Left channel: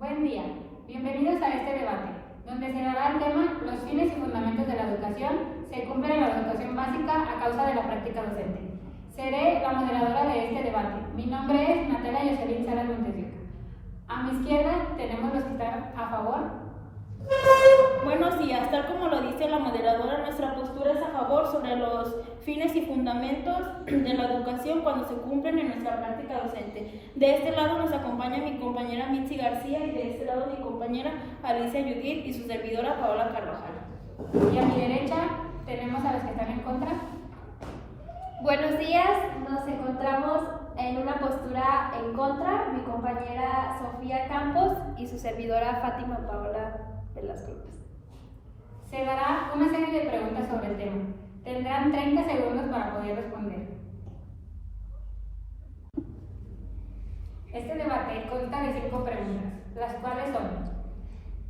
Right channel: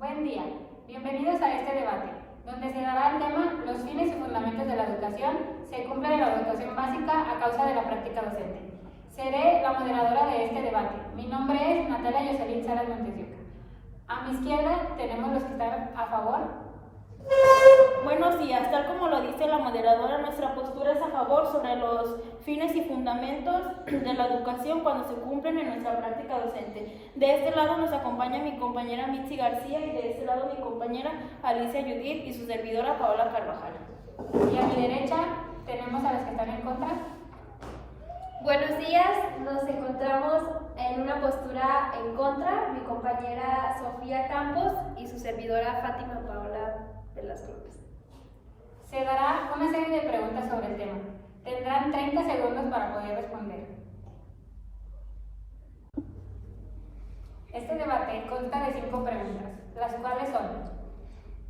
Buen día, bienvenidos a este debate, donde se dará el tema Los fines y fundamentos de la educación se cumplen en la educación básica a causa de la práctica docente. Seré la moderadora de este debate. Mi nombre es Natalia Yoselín Salas Montesioca. A mi izquierda tenemos los que están a favor. Buenos días, tal como lo dice la moderadora, nuestra postura es a favor sobre los fines y fundamentos de la educación cuando se cumplen en nuestra práctica docente. De este lado nos acompaña mi compañera Mitzi García y de este lado mi compañera Alicia Judith y su servidora Paola Carvajal. Y a mi derecha tenemos a los que están en contra. Buenos días, nos encontramos en una postura en contra, mi compañera Sofía Campos y su servidora Fátima Paola Velasco. Se dará una serie de preguntas sobre el tema. Tendrán 30 segundos para poder responder. Este debate consta de 5 preguntas, las cuales son:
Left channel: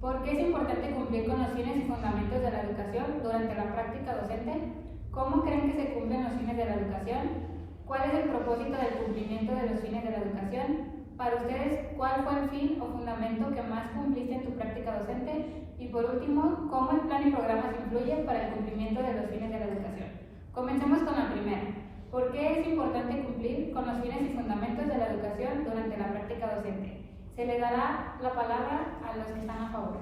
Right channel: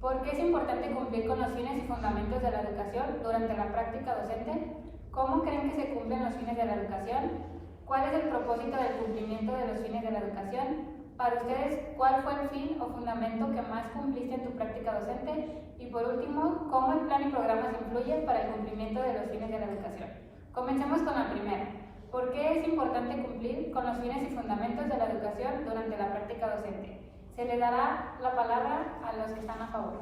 ¿por qué es importante cumplir con los fines y fundamentos de la educación durante la práctica docente? ¿Cómo creen que se cumplen los fines de la educación? ¿Cuál es el propósito del cumplimiento de los fines de la educación? Para ustedes, ¿cuál fue el fin o fundamento que más cumpliste en tu práctica docente? Y por último, ¿cómo el plan y programas influyen para el cumplimiento de los fines de la educación? Comencemos con la primera. ¿Por qué es importante cumplir con los fines y fundamentos de la educación durante la práctica docente? Se le dará la palabra a los que están a favor.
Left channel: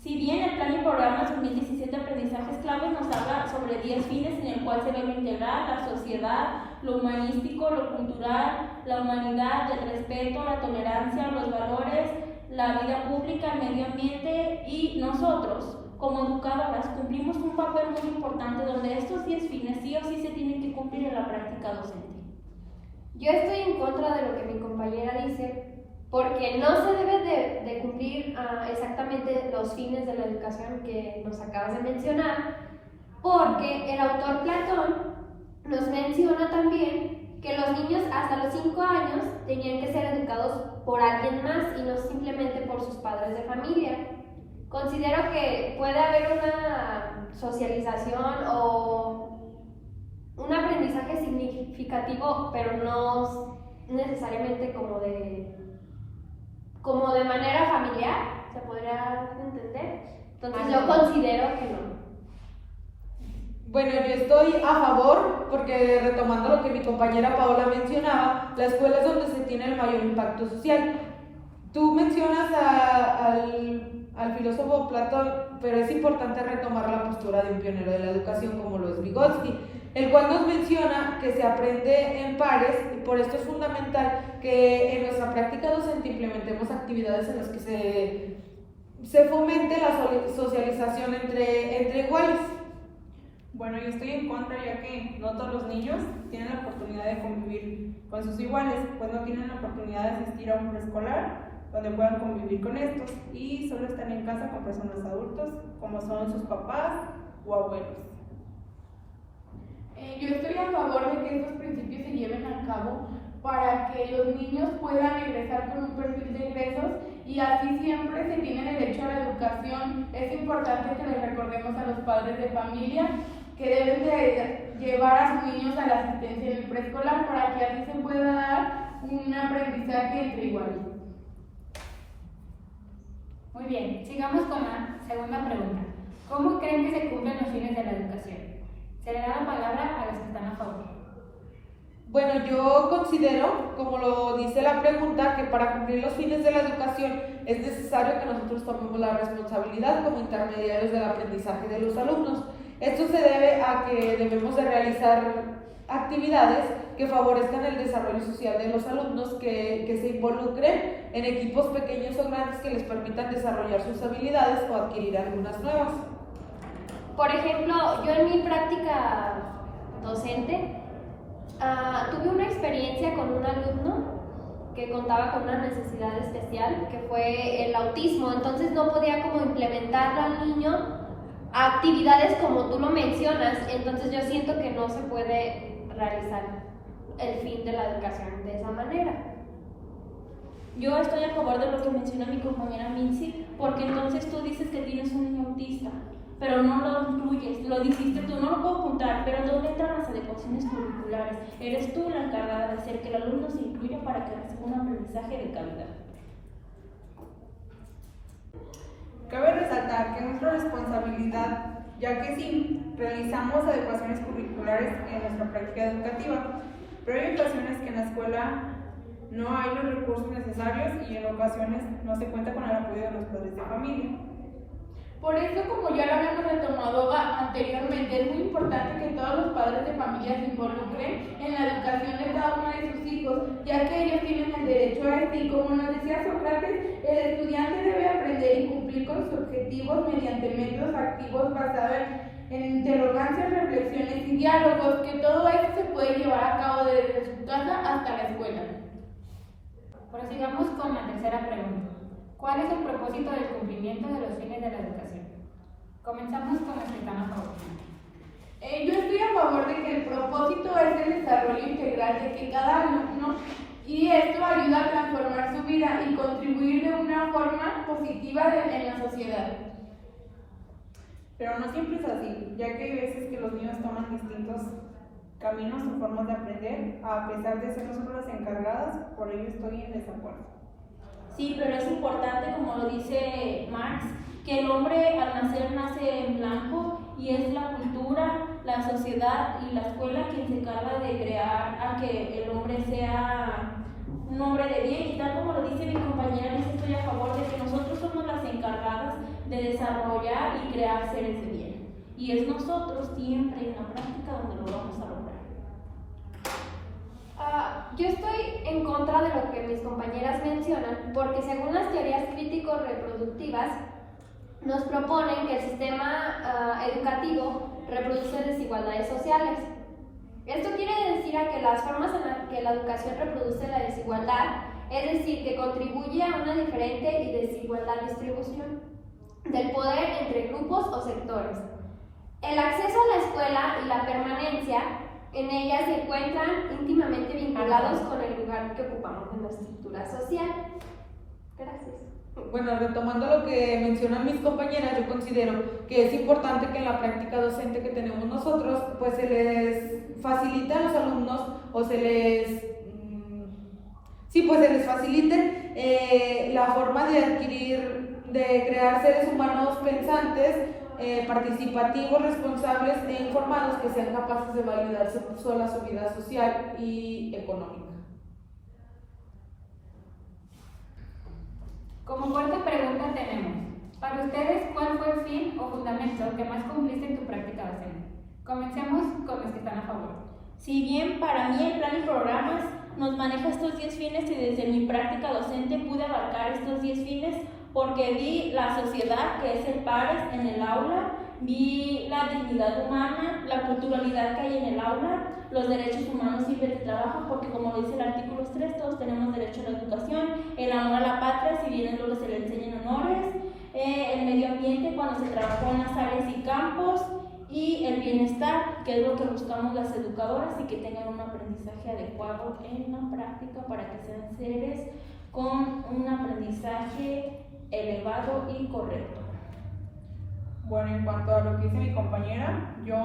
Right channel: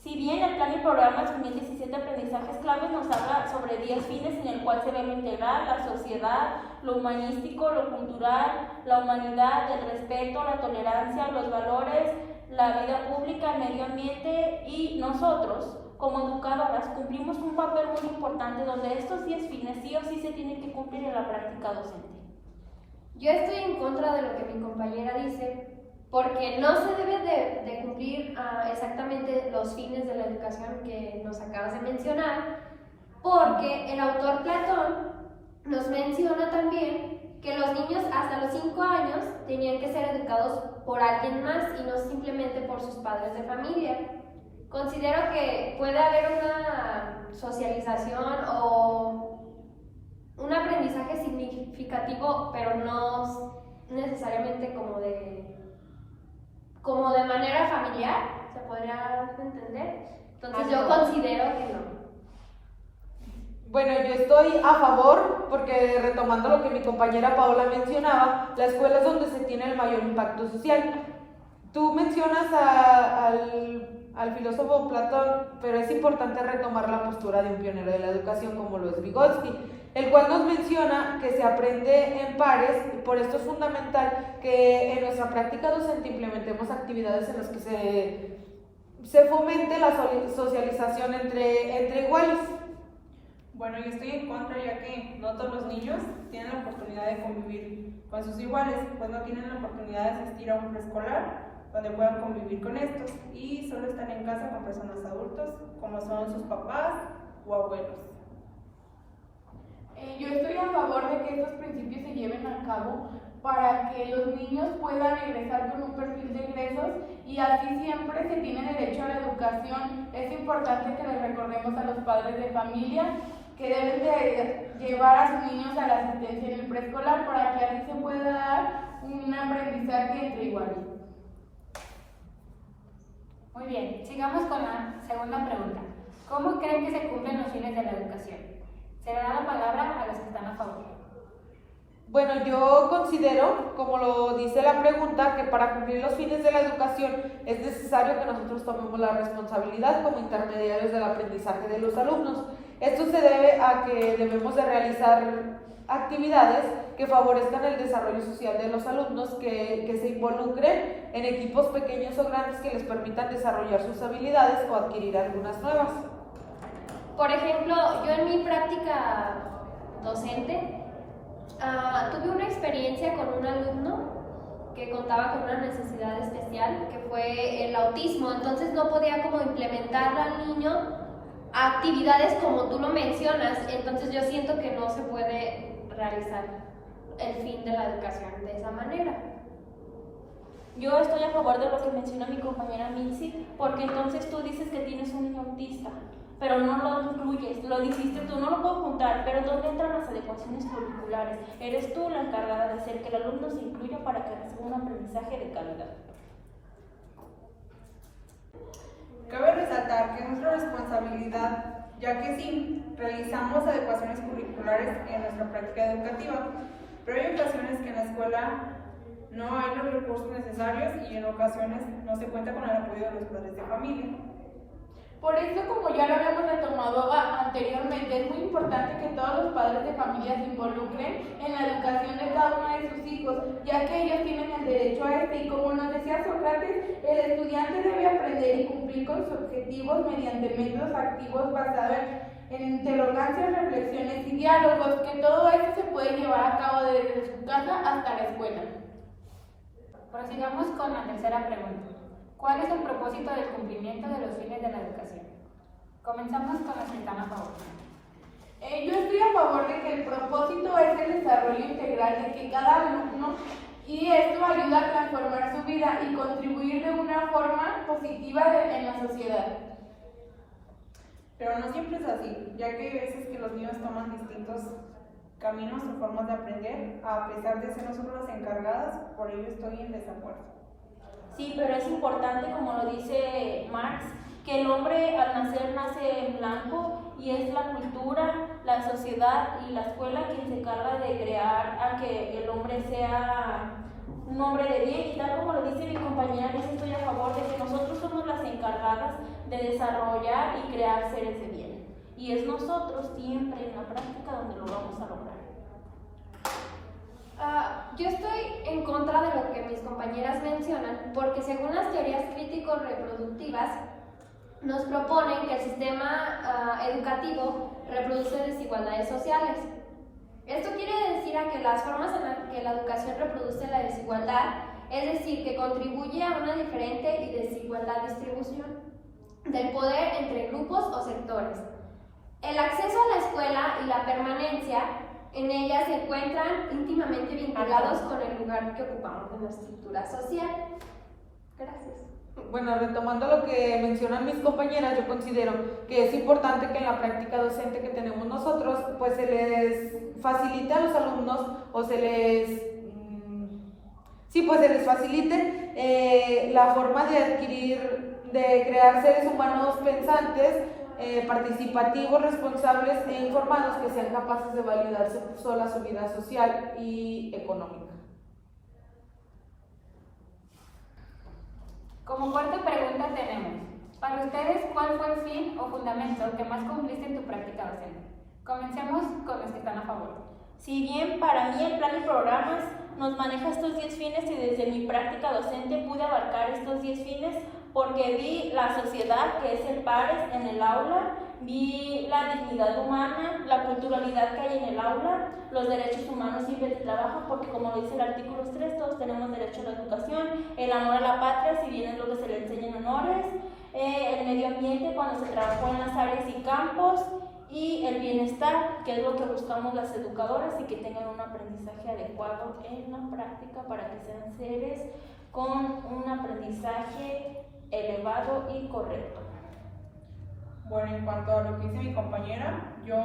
Si bien el plan y programa 2017 de aprendizajes claves nos habla sobre 10 fines en el cual se debe integrar la sociedad, lo humanístico, lo cultural, la humanidad, el respeto, la tolerancia, los valores, la vida pública, el medio ambiente y nosotros, como educadoras, cumplimos un papel muy importante donde estos 10 fines sí o sí se tienen que cumplir en la práctica docente. Yo estoy en contra de lo que mi compañera dice, porque no se debe de cumplir exactamente los fines de la educación que nos acabas de mencionar, porque el autor Platón nos menciona también que los niños hasta los 5 años tenían que ser educados por alguien más y no simplemente por sus padres de familia. Considero que puede haber una socialización o un aprendizaje significativo, pero no necesariamente como de manera familiar, ¿se podría entender? Entonces yo considero que no. Bueno, yo estoy a favor porque, retomando lo que mi compañera Paola mencionaba, la escuela es donde se tiene el mayor impacto social. Tú mencionas al filósofo Platón, pero es importante retomar la postura de un pionero de la educación como lo es Vygotsky, el cual nos menciona que se aprende en pares. Por esto es fundamental que en nuestra práctica docente implementemos actividades en las que se fomente la socialización entre iguales. Bueno, yo estoy en contra, ya que no todos los niños tienen la oportunidad de convivir con sus iguales, pues no tienen la oportunidad de asistir a un preescolar donde puedan convivir con estos y solo están en casa con personas adultas como son sus papás o abuelos. Yo estoy a favor de que estos principios se lleven a cabo para que los niños puedan egresar con un perfil de egresos y así siempre se tiene derecho a la educación. Es importante que les recordemos a los padres de familia que deben de llevar a sus niños a la asistencia en el preescolar para que así se pueda dar un aprendizaje entre iguales. Muy bien, sigamos con la segunda pregunta. ¿Cómo creen que se cumplen los fines de la educación? Se le da la palabra a los que están a favor. Bueno, yo considero, como lo dice la pregunta, que para cumplir los fines de la educación es necesario que nosotros tomemos la responsabilidad como intermediarios del aprendizaje de los alumnos. Esto se debe a que debemos de realizar actividades que favorezcan el desarrollo social de los alumnos, que se involucren en equipos pequeños o grandes que les permitan desarrollar sus habilidades o adquirir algunas nuevas. Por ejemplo, yo en mi práctica docente tuve una experiencia con un alumno que contaba con una necesidad especial, que fue el autismo. Entonces no podía como implementarlo al niño a actividades como tú lo mencionas. Entonces yo siento que no se puede realizar el fin de la educación de esa manera. Yo estoy a favor de lo que menciona mi compañera Mitzi, porque entonces tú dices que tienes un niño autista, pero no lo incluyes, lo dijiste tú, no lo puedo juntar, pero ¿dónde entran las adecuaciones curriculares? Eres tú la encargada de hacer que el alumno se incluya para que reciba un aprendizaje de calidad. Cabe resaltar que es nuestra responsabilidad, ya que sí, realizamos adecuaciones curriculares en nuestra práctica educativa, pero hay ocasiones que en la escuela no hay los recursos necesarios y en ocasiones no se cuenta con el apoyo de los padres de familia. Por eso, como ya lo habíamos retomado anteriormente, es muy importante que todos los padres de familia se involucren en la educación de cada uno de sus hijos, ya que ellos tienen el derecho a este, y como nos decía Sócrates, el estudiante debe aprender y cumplir con sus objetivos mediante métodos activos basados en interrogancias, reflexiones y diálogos, que todo esto se puede llevar a cabo desde su casa hasta la escuela. Prosigamos con la tercera pregunta. ¿Cuál es el propósito del cumplimiento de los fines de la educación? Comenzamos con los que están a favor. Yo estoy a favor de que el propósito es el desarrollo integral de cada alumno, y esto ayuda a transformar su vida y contribuir de una forma positiva en la sociedad. Pero no siempre es así, ya que hay veces que los niños toman distintos caminos o formas de aprender, a pesar de ser nosotros las encargadas, por ello estoy en desacuerdo. Sí, pero es importante, como lo dice Marx, que el hombre al nacer nace en blanco, y es la cultura, la sociedad y la escuela quien se encarga de crear a que el hombre sea un hombre de bien, y tal como lo dice mi compañera, yo estoy a favor de que nosotros somos las encargadas de desarrollar y crear seres de bien, y es nosotros siempre en la práctica donde lo vamos a lograr. Yo estoy en contra de lo que mis compañeras mencionan, porque según las teorías crítico-reproductivas, nos proponen que el sistema educativo reproduce desigualdades sociales. Esto quiere decir a que las formas en las que la educación reproduce la desigualdad, es decir, que contribuye a una diferente y desigualdad distribución del poder entre grupos o sectores. El acceso a la escuela y la permanencia en ella se encuentran íntimamente vinculados con el lugar que ocupamos en la estructura social. Gracias. Bueno, retomando lo que mencionan mis compañeras, yo considero que es importante que en la práctica docente que tenemos nosotros, pues se les facilita a los alumnos o se les facilite la forma de adquirir, de crear seres humanos pensantes, participativos, responsables e informados, que sean capaces de validar sola su vida social y económica. Como cuarta pregunta tenemos, para ustedes, ¿cuál fue el fin o fundamento que más cumpliste en tu práctica docente? Comencemos con los que están a favor. Si bien para mí el plan y programas nos maneja estos 10 fines, y desde mi práctica docente pude abarcar estos 10 fines porque vi la sociedad, que es el pares en el aula, vi la dignidad humana, la culturalidad que hay en el aula, los derechos humanos y el trabajo, porque como dice el artículo 3, todos tenemos derecho a la educación, el amor a la patria, si bien luego se le enseñan honores, el medio ambiente cuando se trabajó en las áreas y campos, y el bienestar, que es lo que buscamos las educadoras, y que tengan un aprendizaje adecuado en la práctica para que sean seres con un aprendizaje elevado y correcto. Bueno, en cuanto a lo que dice mi compañera, yo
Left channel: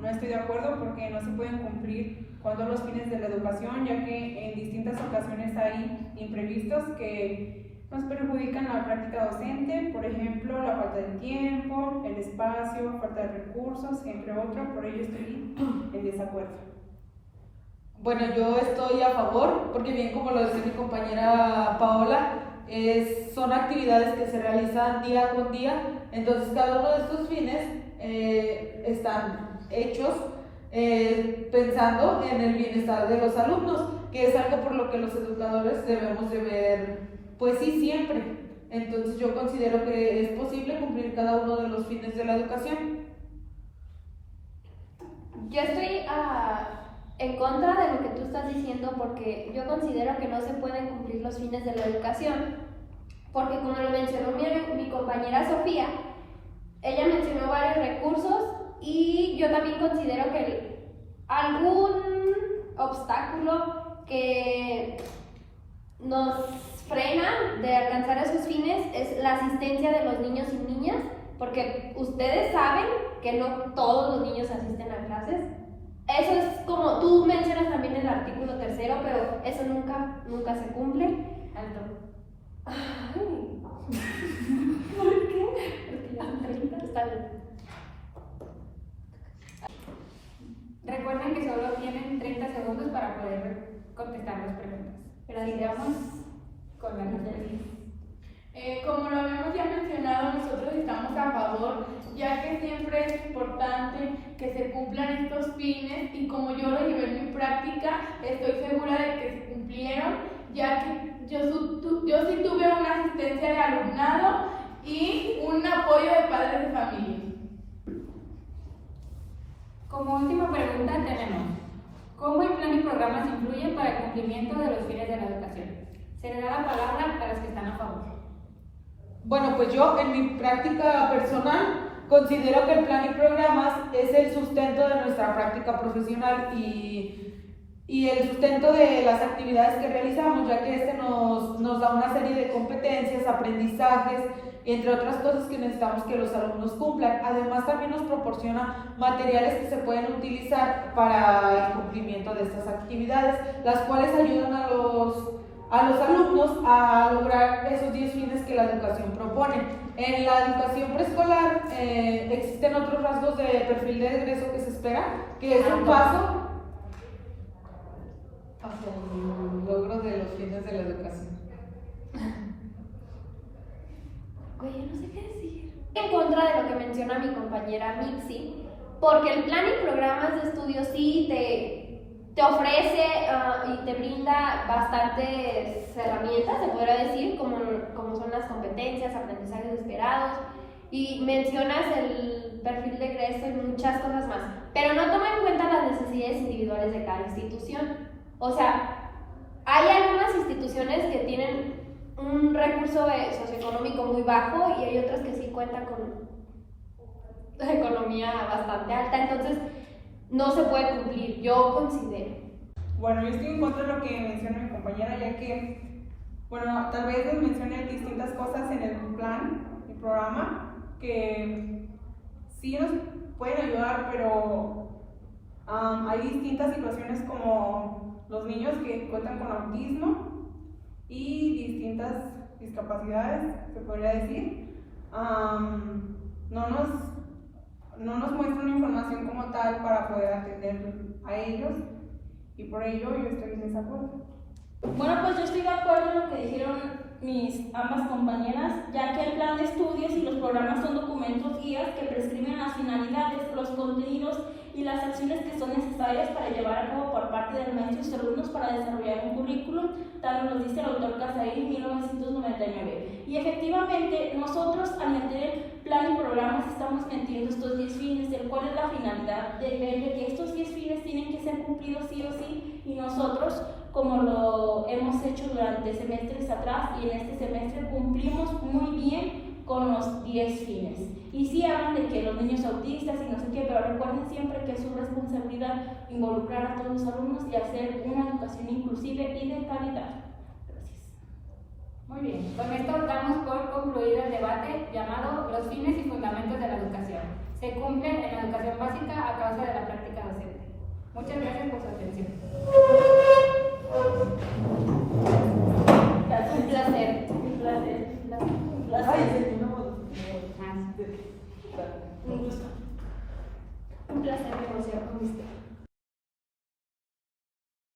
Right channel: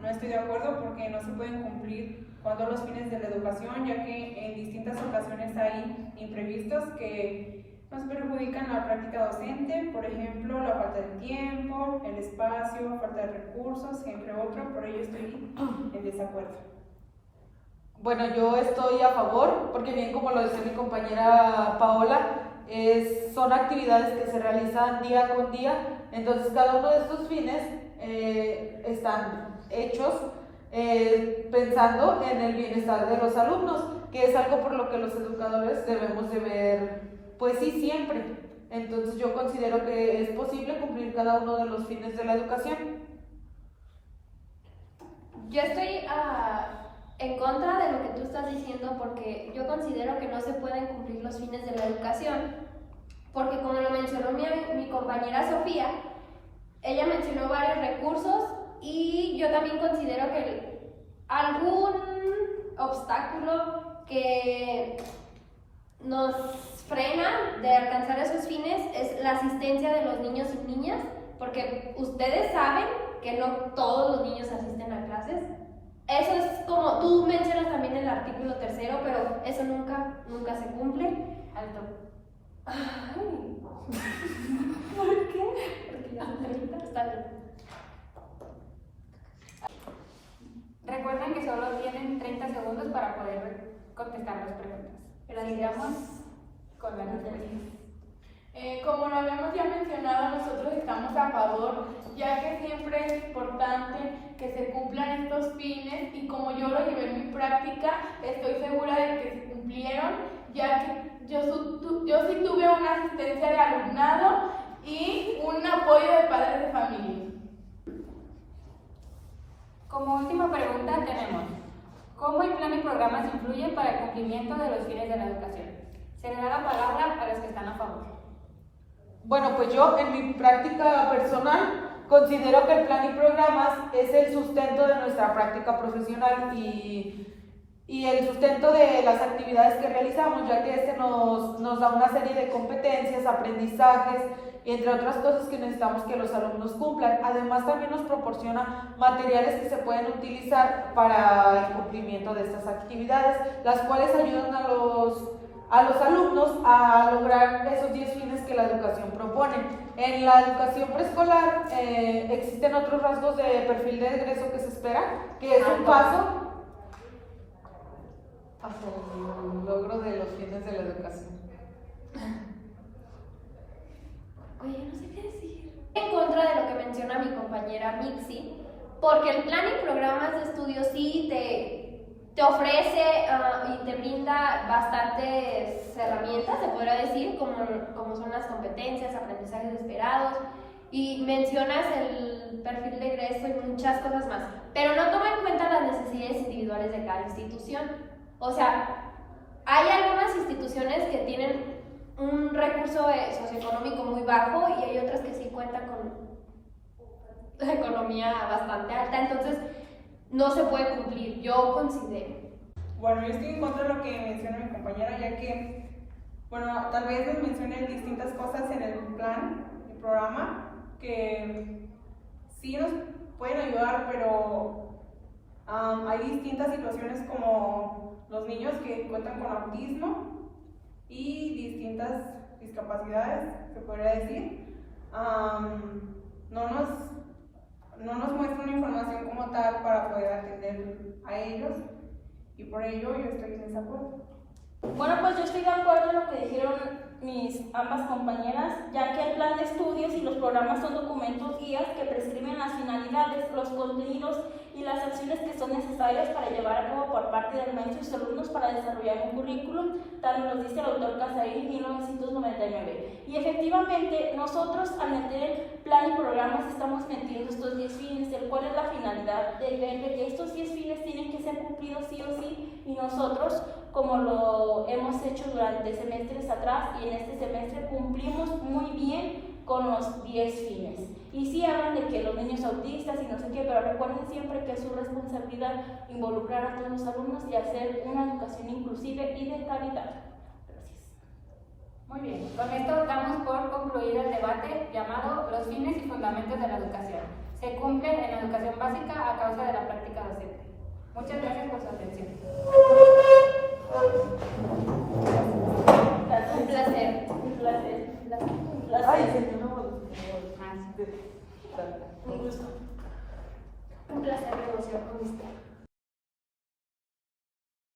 no estoy de acuerdo porque no se pueden cumplir con todos los fines de la educación, ya que en distintas ocasiones hay imprevistos que nos perjudican la práctica docente, por ejemplo, la falta de tiempo, el espacio, falta de recursos, entre otros, por ello estoy en desacuerdo. Bueno, yo estoy a favor, porque bien como lo dice mi compañera Paola, son actividades que se realizan día con día, entonces cada uno de estos fines están hechos pensando en el bienestar de los alumnos, que es algo por lo que los educadores debemos de ver, pues sí, siempre. Entonces yo considero que es posible cumplir cada uno de los fines de la educación. Yo estoy en contra de lo que tú estás diciendo, porque yo considero que no se pueden cumplir los fines de la educación, porque como lo mencionó mi compañera Sofía, ella mencionó varios recursos, y yo también considero que algún obstáculo que nos frena de alcanzar esos fines es la asistencia de los niños y niñas, porque ustedes saben que no todos los niños asisten a clases. Eso es como tú mencionas también en el artículo 3, pero eso nunca se cumple. Alto. Ay. ¿Por qué? Porque ya son 30, está bien. Recuerden que solo tienen 30 segundos para poder contestar las preguntas. Sigamos con la respuesta. Como lo habíamos ya mencionado, nosotros estamos a favor, ya que siempre es importante que se cumplan estos fines y como yo lo llevé en mi práctica, estoy segura de que se cumplieron, ya que yo sí tuve una asistencia de alumnado y un apoyo de padres de familia. Como última pregunta tenemos, ¿cómo el plan y programas influyen para el cumplimiento de los fines de la educación? Se le da la palabra a los que están a favor. Bueno, pues yo en mi práctica personal considero que el plan y programas es el sustento de nuestra práctica profesional y el sustento de las actividades que realizamos, ya que este nos da una serie de competencias, aprendizajes, entre otras cosas que necesitamos que los alumnos cumplan. Además, también nos proporciona materiales que se pueden utilizar para el cumplimiento de estas actividades, las cuales ayudan a los alumnos a lograr esos 10 fines que la educación propone. En la educación preescolar existen otros rasgos de perfil de egreso que se espera, que es un paso hacia el logro de los fines de la educación. Oye, no sé qué decir. En contra de lo que menciona mi compañera Mixi, porque el plan y programas de estudio sí te ofrece y te brinda bastantes herramientas, se podría decir, como son las competencias, aprendizajes esperados, y mencionas el perfil de egreso y muchas cosas más, pero no toma en cuenta las necesidades individuales de cada institución. O sea, hay algunas instituciones que tienen un recurso socioeconómico muy bajo y hay otras que sí cuentan con la economía bastante alta, entonces no se puede cumplir, yo considero. Bueno, yo estoy en contra de lo que menciona mi compañera, ya que, bueno, tal vez nos mencione distintas cosas en el plan, el programa, que sí nos pueden ayudar, pero hay distintas situaciones como los niños que cuentan con autismo y distintas discapacidades, se podría decir. No nos muestra una información como tal para poder atender a ellos y por ello yo estoy en desacuerdo. Bueno, pues yo estoy de acuerdo en lo que dijeron mis ambas compañeras, ya que el plan de estudios y los programas son documentos guías que prescriben las finalidades, los contenidos y las acciones que son necesarias para llevar a cabo por parte del maestro y sus alumnos para desarrollar un currículum, tal nos dice el autor Casarín en 1999. Y efectivamente, nosotros al meter plan y programas estamos metiendo estos 10 fines, el cual es la finalidad de ello, y estos 10 fines tienen que ser cumplidos sí o sí, y nosotros, como lo hemos hecho durante semestres atrás y en este semestre, cumplimos muy bien con los 10 fines. Y sí hablan de que los niños autistas y no sé qué, pero recuerden siempre que es su responsabilidad involucrar a todos los alumnos y hacer una educación inclusiva y de calidad. Gracias. Muy bien, con esto damos por concluido el debate llamado Los fines y fundamentos de la educación. Se cumple en la educación básica a causa de la práctica docente. Muchas gracias por su atención. Un placer. Un placer. Un placer negociar con mis